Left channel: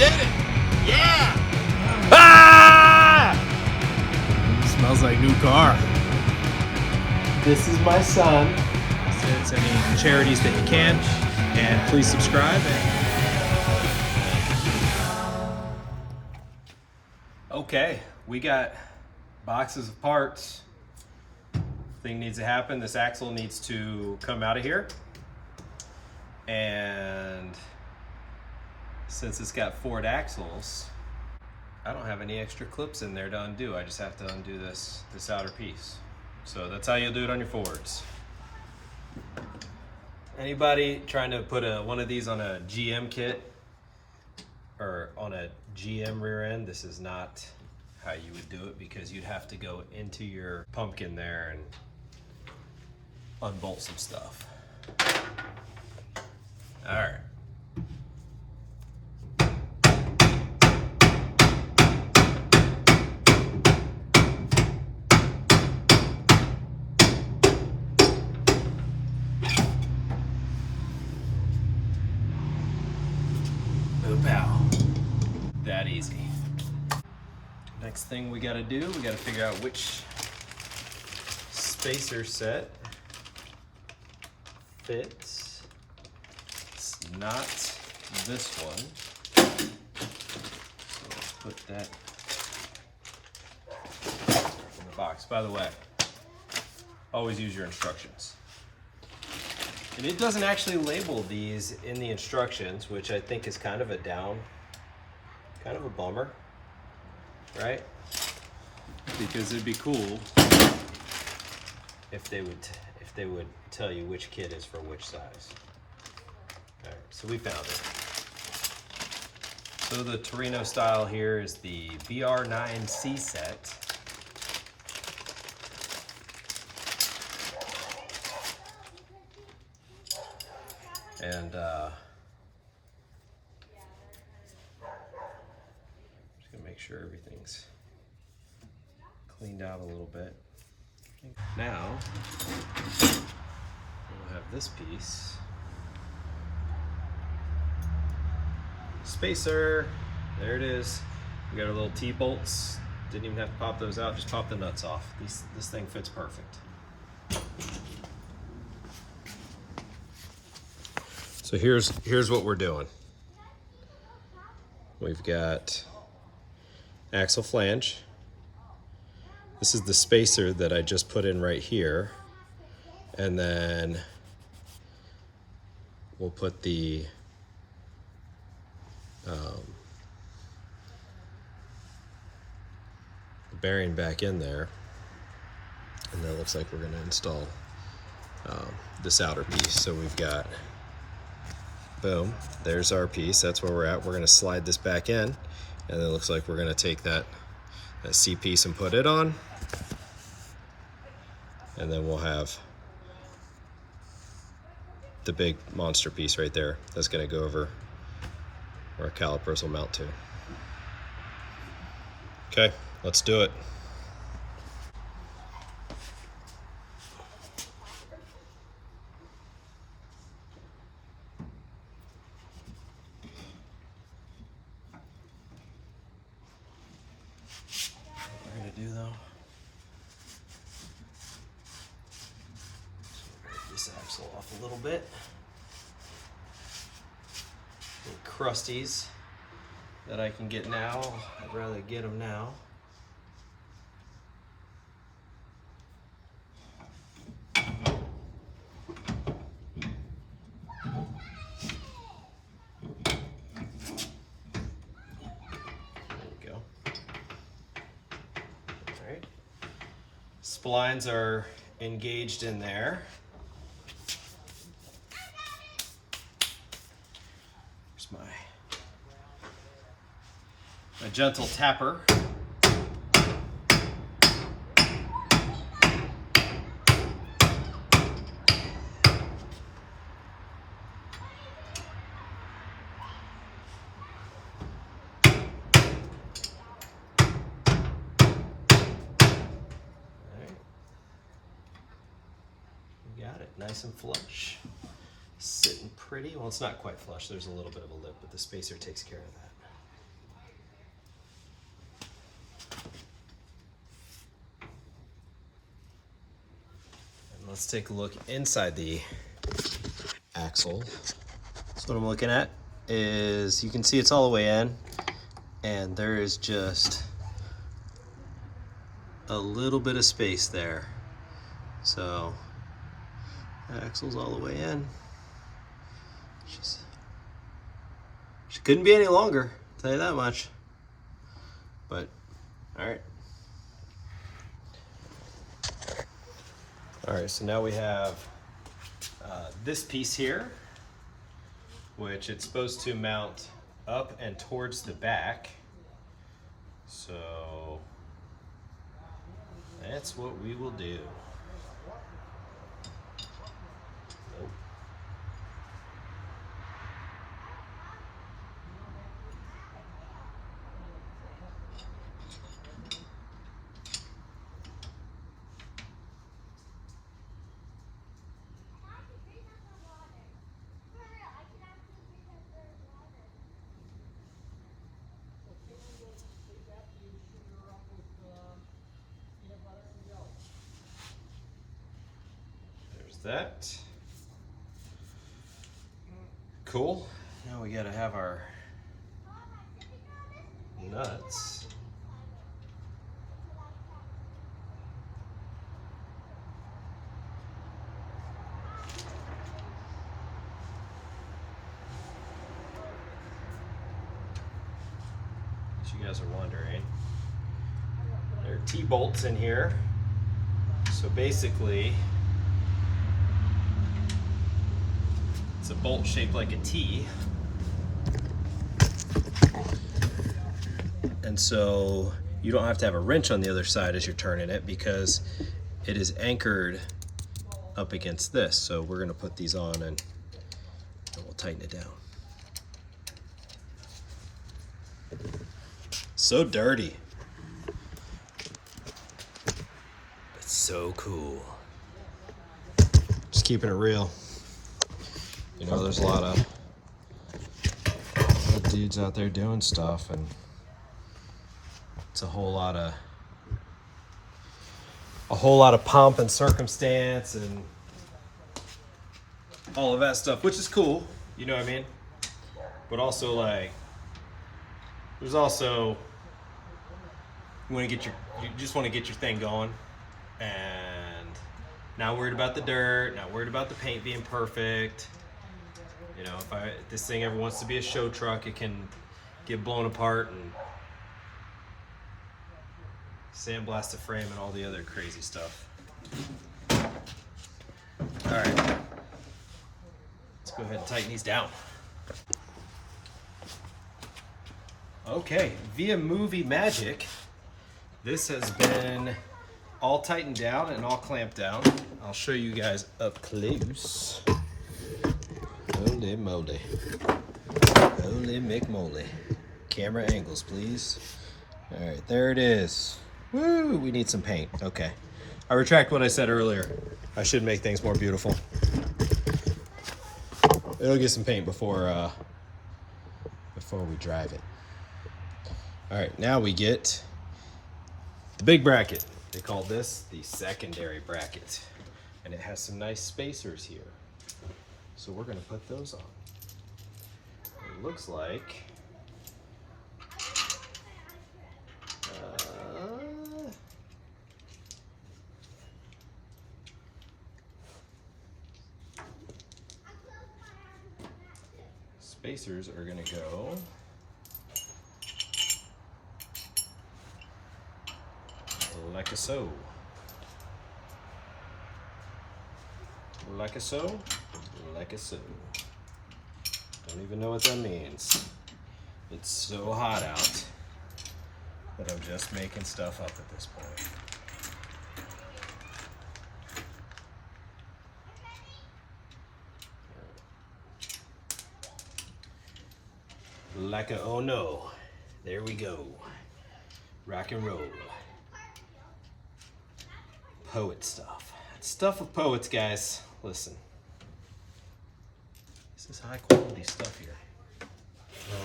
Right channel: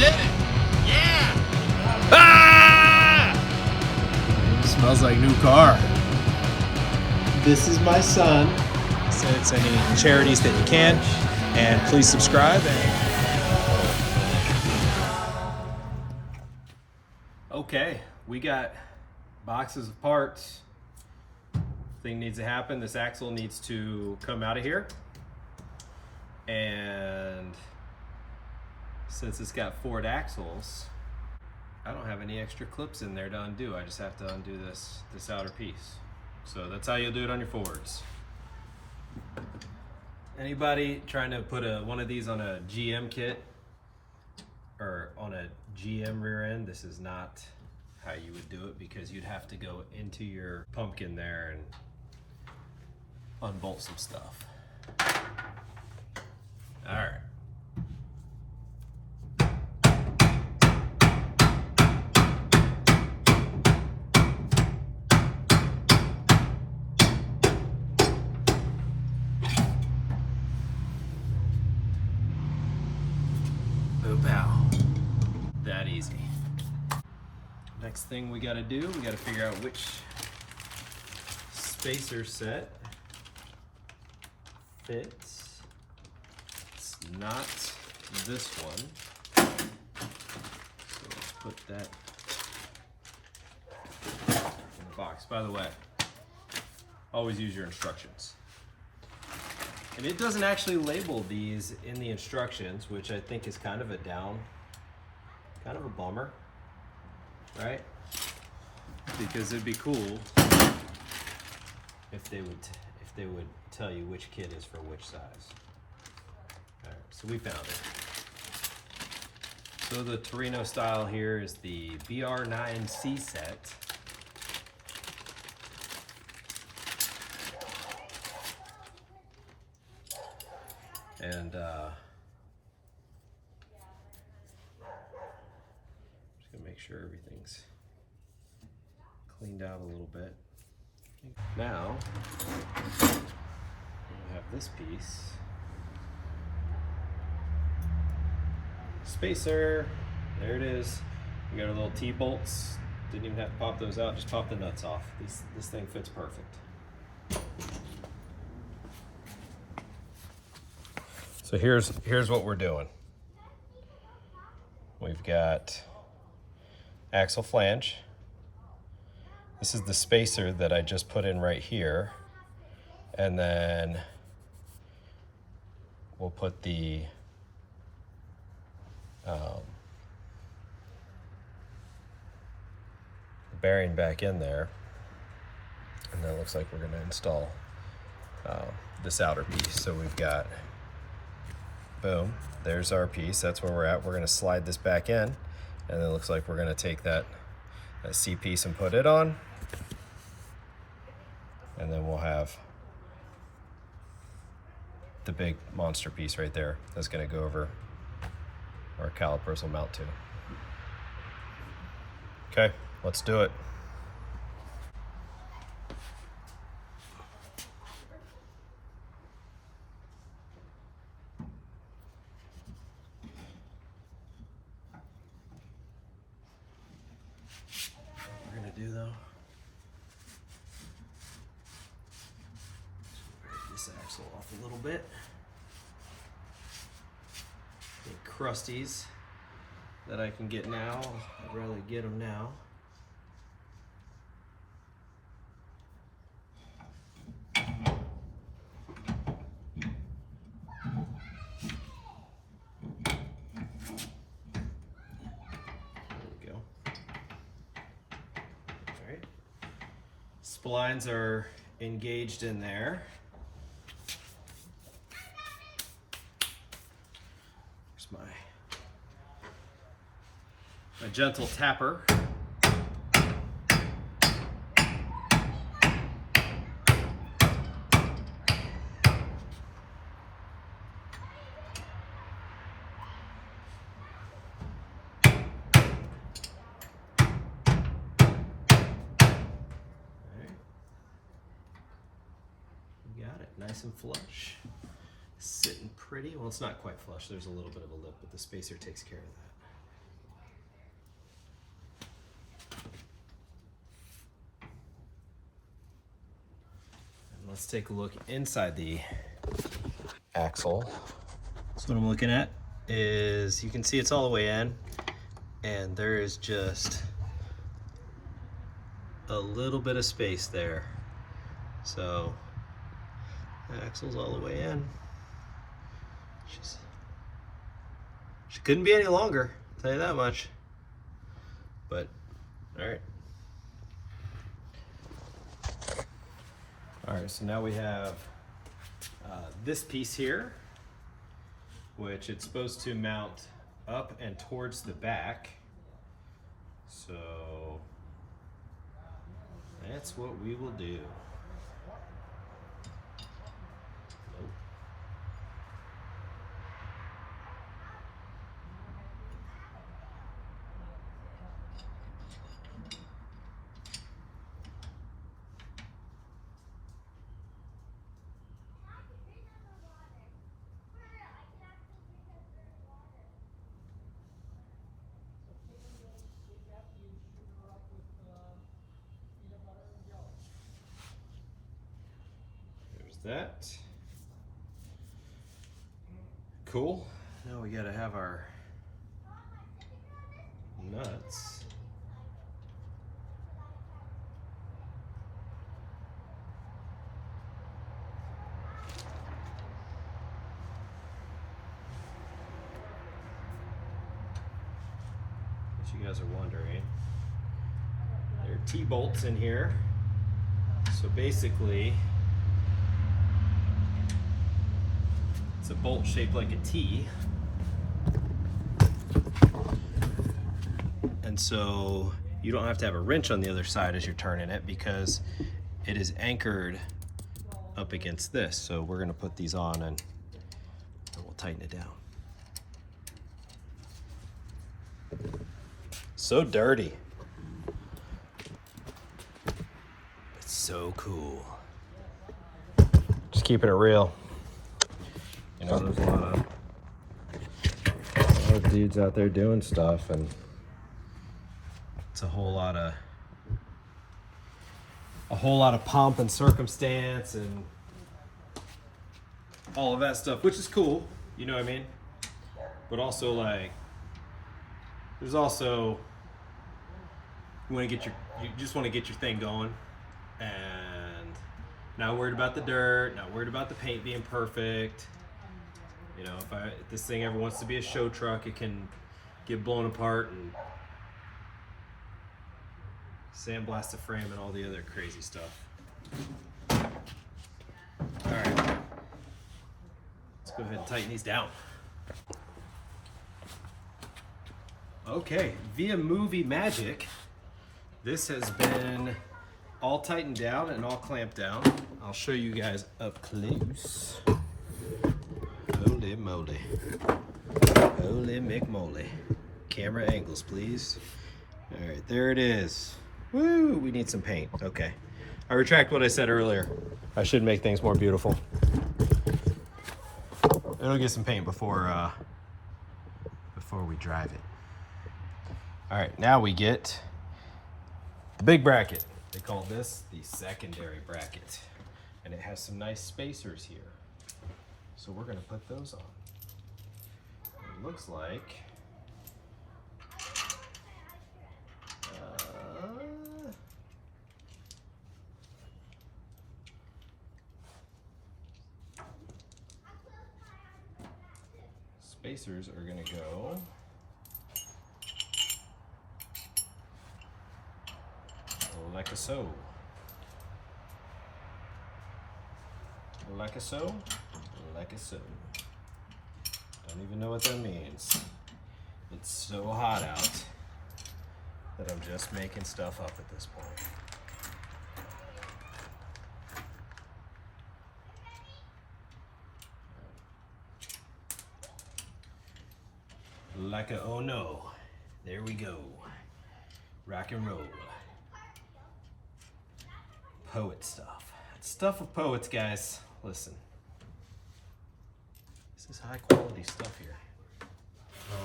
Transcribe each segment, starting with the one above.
did it! Yeah! Ah! Smells like new car. This is my son. Send any charities that you can, and please subscribe. Okay, we got boxes of parts. Thing needs to happen. This axle needs to come out of here. And since it's got Ford axles, I don't have any extra clips in there to undo. I just have to undo this outer piece. So that's how you'll do it on your Fords. Anybody trying to put one of these on a GM kit or on a GM rear end, this is not how you would do it, because you'd have to go into your pumpkin there and unbolt some stuff. All right. Boop pow. That easy. Next thing we gotta do, we gotta figure out which spacer set fits. It's not this one. So let's put that in the box. By the way, always use your instructions. And it doesn't actually label these in the instructions, which I think is kind of a bummer, right? Because it'd be cool if they would tell you which kit is for which size. All right, so we found it. So the Torino style here is the BR9C set. And just gonna make sure everything's cleaned out a little bit. Now we'll have this piece. Spacer, there it is. We got our little T-bolts. Didn't even have to pop those out, just pop the nuts off. This thing fits perfect. So here's what we're doing. We've got axle flange. This is the spacer that I just put in right here. And then we'll put the bearing back in there. And then it looks like we're gonna install this outer piece. So we've got, boom, there's our piece. That's where we're at. We're gonna slide this back in, and then it looks like we're gonna take that C piece and put it on. And then we'll have the big monster piece right there that's gonna go over where our calipers will mount to. Okay, let's do it. What we're gonna do though, break this axle off a little bit. The crusties that I can get now, I'd rather get them now. Splines are engaged in there. Here's my gentle tapper. Nice and flush, sitting pretty. Well, it's not quite flush. There's a little bit of a lip, but the spacer takes care of that. let's take a look inside the axle. So what I'm looking at is, you can see it's all the way in, and there is just a little bit of space there. So the axle's all the way in. She couldn't be any longer, I'll tell you that much. But, all right. All right, so now we have this piece here, which it's supposed to mount up and towards the back. So that's what we will do. Nope. That. Cool. Now we gotta have our nuts. As you guys are wondering, there are T-bolts in here. So basically, it's a bolt shaped like a T. And so you don't have to have a wrench on the other side as you're turning it, because it is anchored up against this. So we're gonna put these on and we'll tighten it down. So dirty. But so cool. Just keeping it real. You know, there's a lot of dudes out there doing stuff, and it's a whole lot of pomp and circumstance and all of that stuff, which is cool, you know what I mean? But also, like, there's also, you just want to get your thing going, and not worried about the dirt, not worried about the paint being perfect. You know, if this thing ever wants to be a show truck, it can get blown apart and sandblast the frame and all the other crazy stuff. All right, let's go ahead and tighten these down. Okay, via movie magic, this has been all tightened down and all clamped down. I'll show you guys up close. Holy moly. Holy McMoly. Camera angles, please. All right, there it is. Woo, we need some paint. Okay. I retract what I said earlier. I should make things more beautiful. It'll get some paint before we drive it. All right, now we get the big bracket. They call this the secondary bracket. And it has some nice spacers here. So we're gonna put those on. It looks like spacers are gonna go like so. Like so. Like so. Don't even know what that means. It's so hot out that I'm just making stuff up at this point. Like a, oh no. There we go. Rock and roll. Poet stuff. It's stuff of poets, guys. Listen. This is high quality stuff here.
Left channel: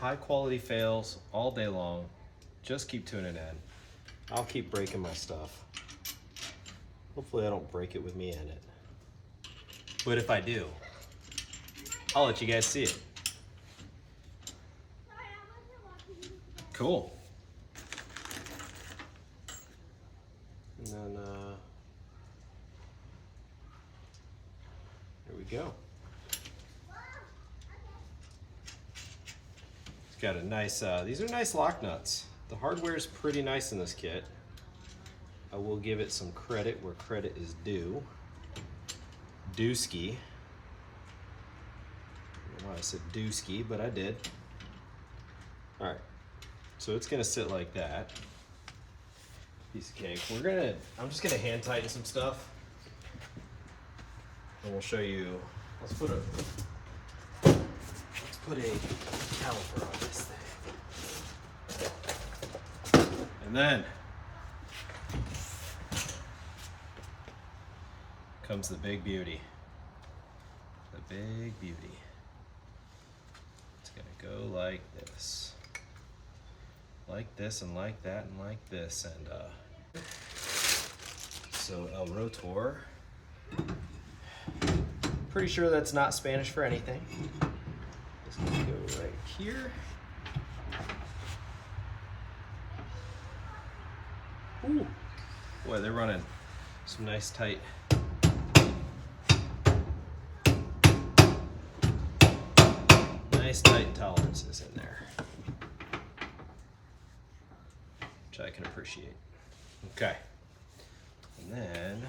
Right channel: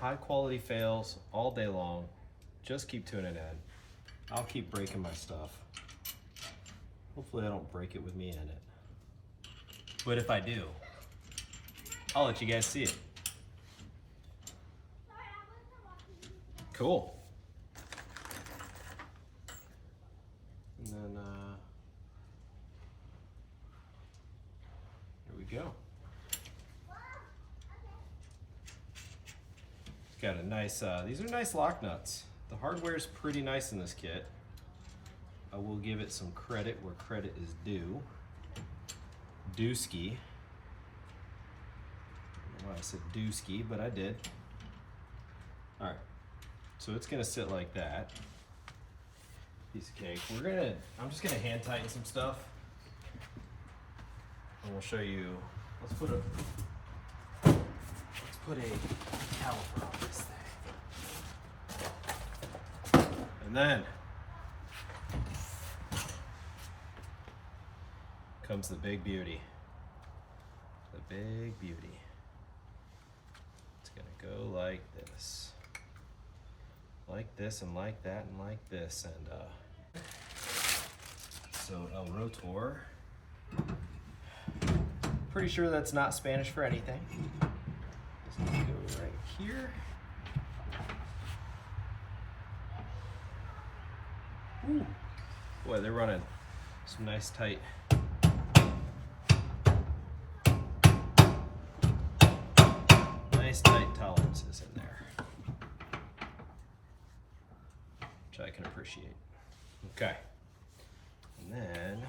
High quality fails all day long. Just keep tuning in. I'll keep breaking my stuff. Hopefully I don't break it with me in it. But if I do, I'll let you guys see it. Cool. And then, there we go. It's got a nice, these are nice lock nuts. The hardware is pretty nice in this kit. I will give it some credit where credit is due. Dooski. I don't know why I said dooski, but I did. All right, so it's gonna sit like that. Piece of cake. I'm just gonna hand tighten some stuff. And we'll show you, let's put a caliper on this thing. And then comes the big beauty. The big beauty. It's gonna go like this. Like this and like that and like this. And so El Rotor. Pretty sure that's not Spanish for anything. Just gonna go right here. Ooh. Boy, they're running some nice tight. Nice tight tolerances in there, which I can appreciate. Okay, and then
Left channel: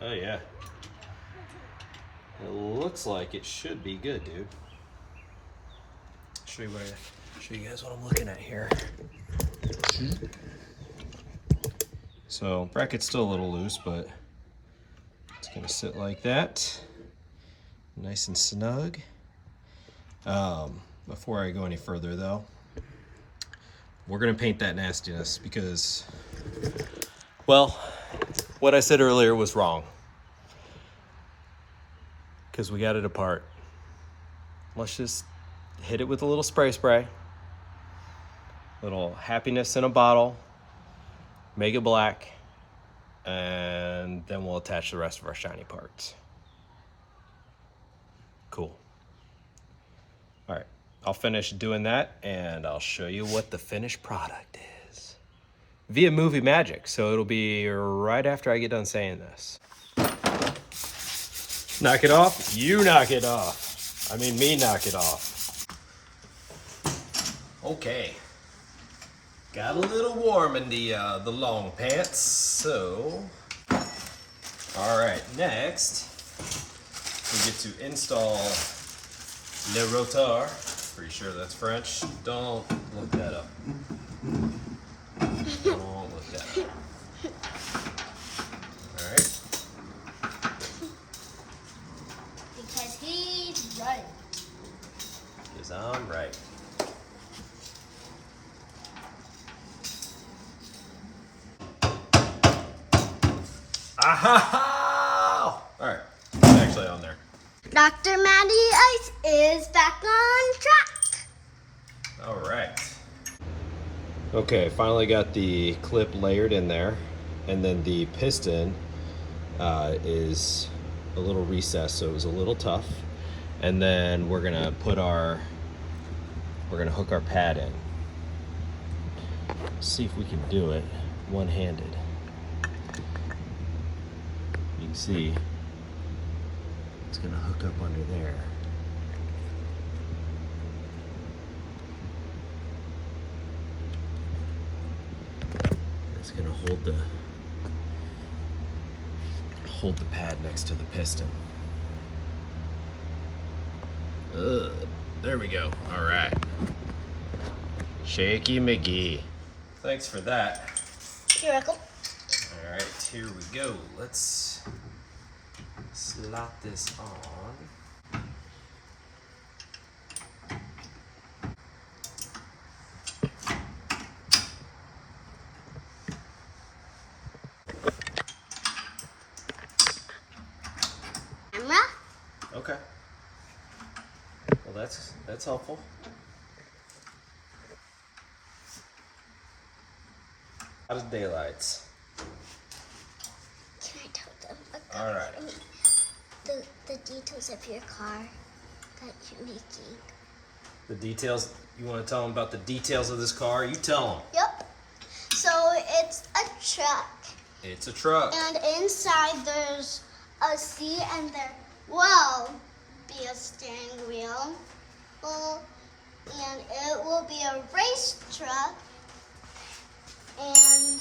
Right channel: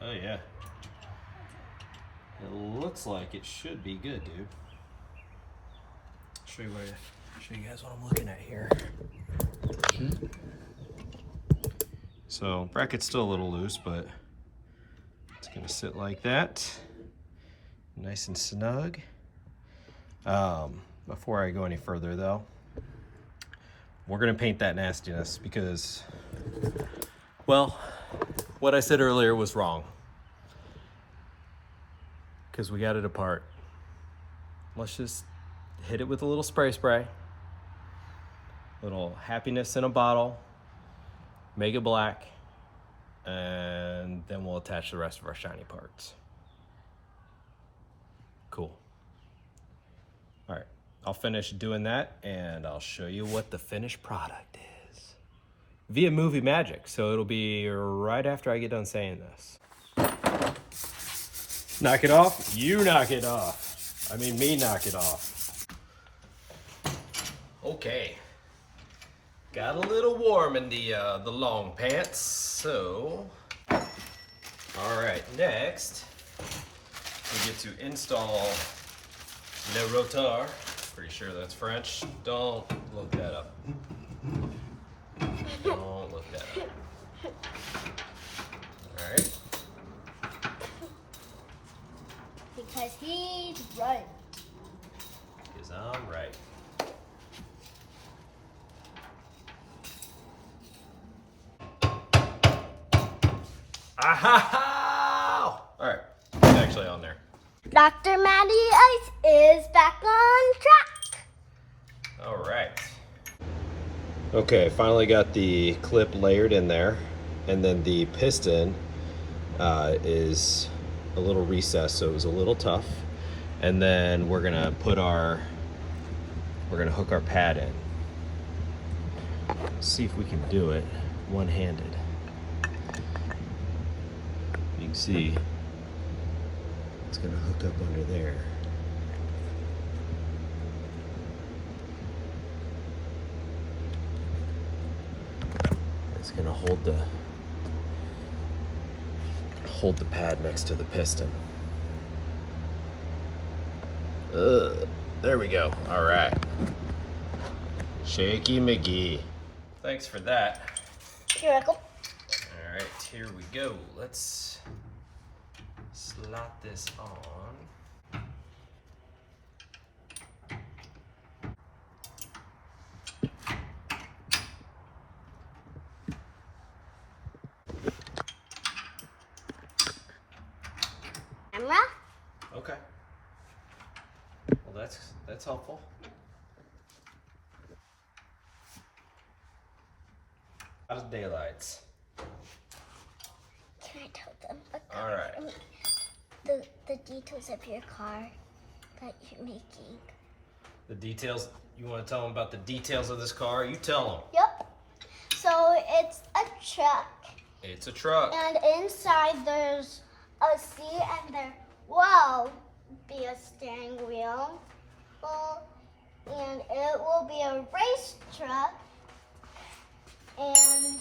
oh yeah, it looks like it should be good, dude. Show you guys what I'm looking at here. So bracket's still a little loose, but it's gonna sit like that, nice and snug. Before I go any further though, we're gonna paint that nastiness because, well, what I said earlier was wrong. Because we got it apart. Let's just hit it with a little spray. Little happiness in a bottle. Make it black. And then we'll attach the rest of our shiny parts. Cool. All right, I'll finish doing that and I'll show you what the finished product is. Via movie magic, so it'll be right after I get done saying this. Knock it off, you knock it off. I mean, me knock it off. Okay. Got a little warm in the long pants, so. All right, next, we get to install Le Rotor. Pretty sure that's French. Don't look that up. Don't look that up. All right. Because he's right. Because I'm right. Aha! All right, it's actually on there. Dr. Matty Ice is back on track. All right. Okay, finally got the clip layered in there, and then the piston is a little recessed, so it was a little tough. And then we're gonna hook our pad in. See if we can do it one-handed. You can see it's gonna hook up under there. It's gonna hold the pad next to the piston. There we go. All right. Shaky McGee. Thanks for that. You're welcome. All right, here we go. Let's slot this on. Camera. Okay. That's helpful. Out of daylights. Can I tell them All right. the details of your car that you're making? The details. You want to tell them about the details of this car? You tell them. Yep. So it's a truck. It's a truck. And inside there's a seat, and there will be a steering wheel. And it will be a race truck. And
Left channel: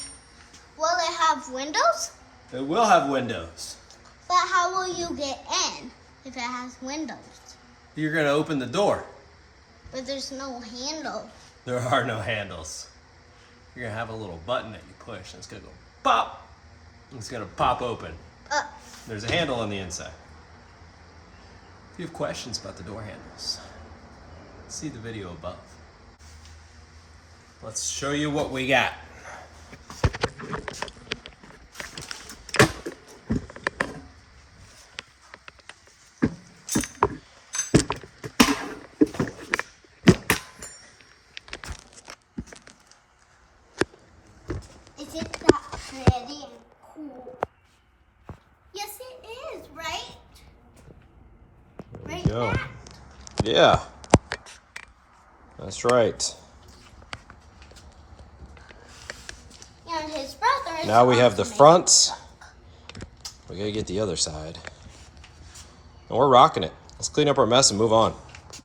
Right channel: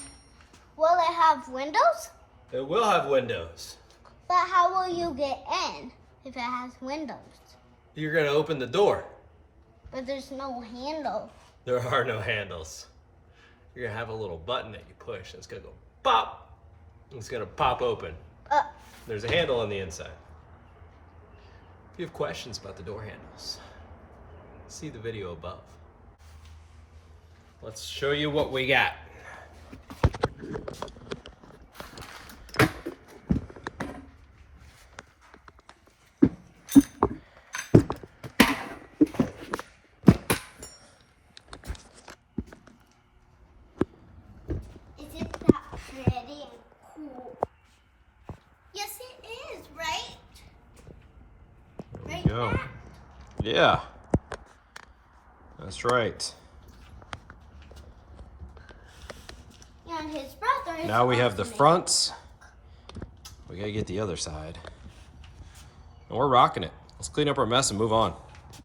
will it have windows? It will have windows. But how will you get in if it has windows? You're going to open the door. But there's no handle. There are no handles. You're going to have a little button that you push, and it's going to go pop. It's going to pop open. There's a handle on the inside. If you have questions about the door handles, see the video above. Let's show you what we got. Is it that pretty and cool? Yes, it is, right? There Right, we go. Dad? Yeah. That's right. And his brother is Now we have the also fronts. We gotta get the other side. And we're rocking it. Let's clean up our mess and move on.